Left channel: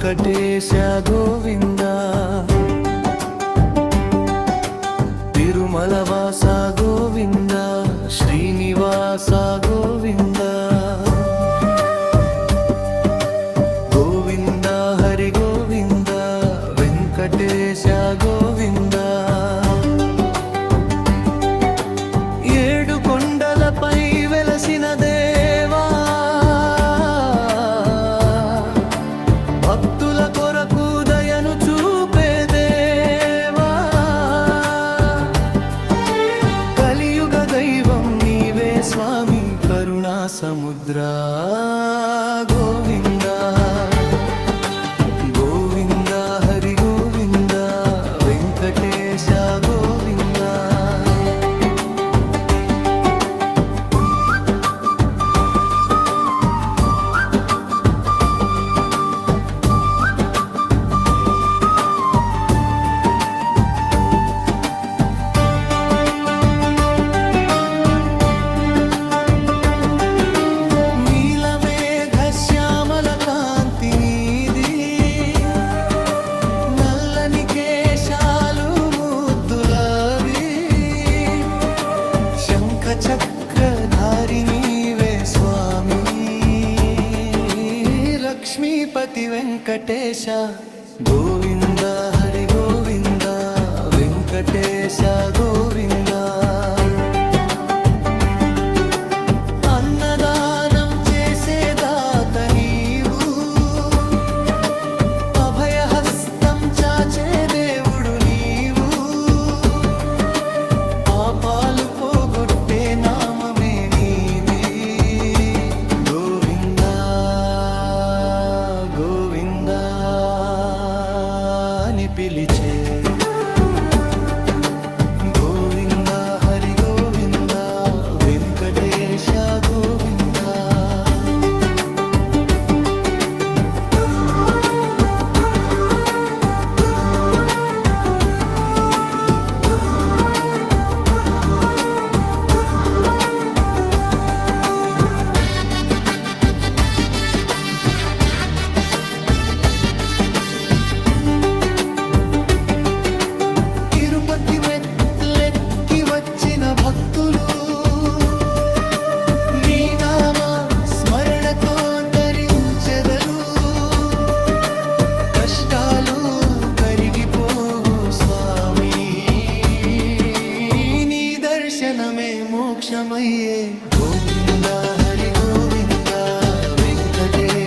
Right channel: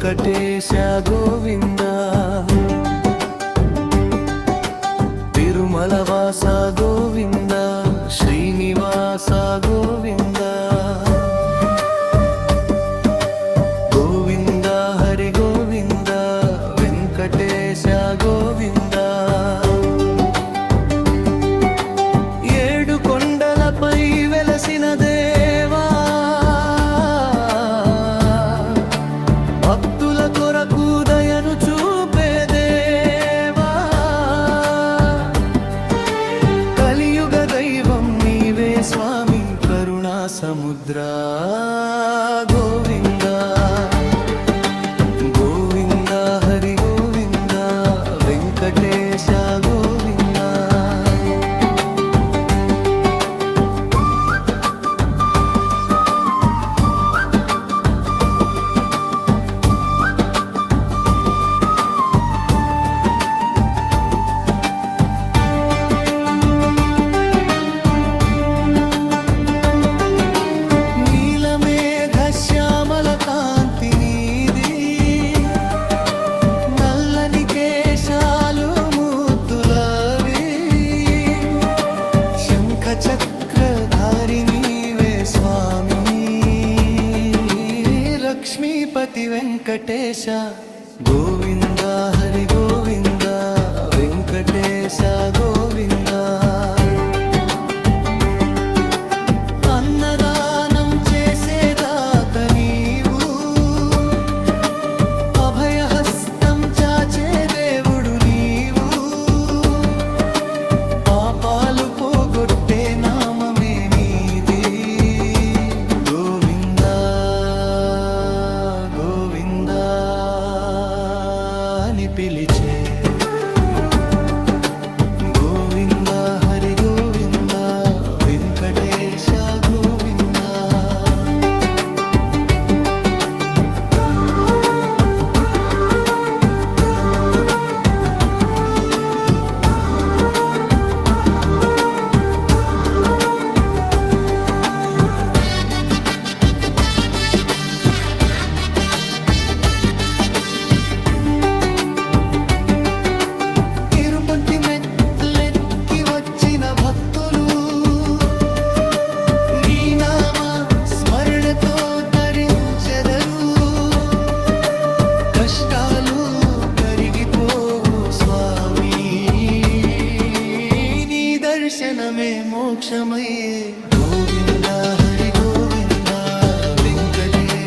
వెంకటేశ గోవింద తిరుమల వాస గోవింద శ్రీనివాస గోవింద గోవింద హరి గోవింద వెంకటేశ గోవింద ఏడు కొండలపై వెలసిన దేవా భక్తుల కొరకు దయను చూపే దేవా కలియుగ దైవం నీవే స్వామి కరుణా సముద్ర గోవింద గోవింద హరి గోవింద వెంకటేశ గోవింద శ్యామల కాంతి నీది నల్లని కేశాలు ముద్దులవి శంఖ చక్రధారి నీవే స్వామి లక్ష్మీపతి వెంకటేశ గోవింద హరి గోవింద వెంకటేశ గోవింద అన్నదానం చేసే దాత నీవు అభయహస్తం చాచే దేవుడు నీవు పాపాలు పోగొట్టే నామమే నీది గోవింద గోవింద అని పిలిచే గోవింద హరి గోవింద వెంకటేశ గోవింద తిరుపతి మెట్లెక్కి వచ్చిన భక్తులు నీ నామ స్మరణతో తరించెదరు కష్టాలు కరిగిపోవు స్వామి నీ దర్శనమే మోక్షమయ్యే గోవింద హరి గోవింద వెంకటేశ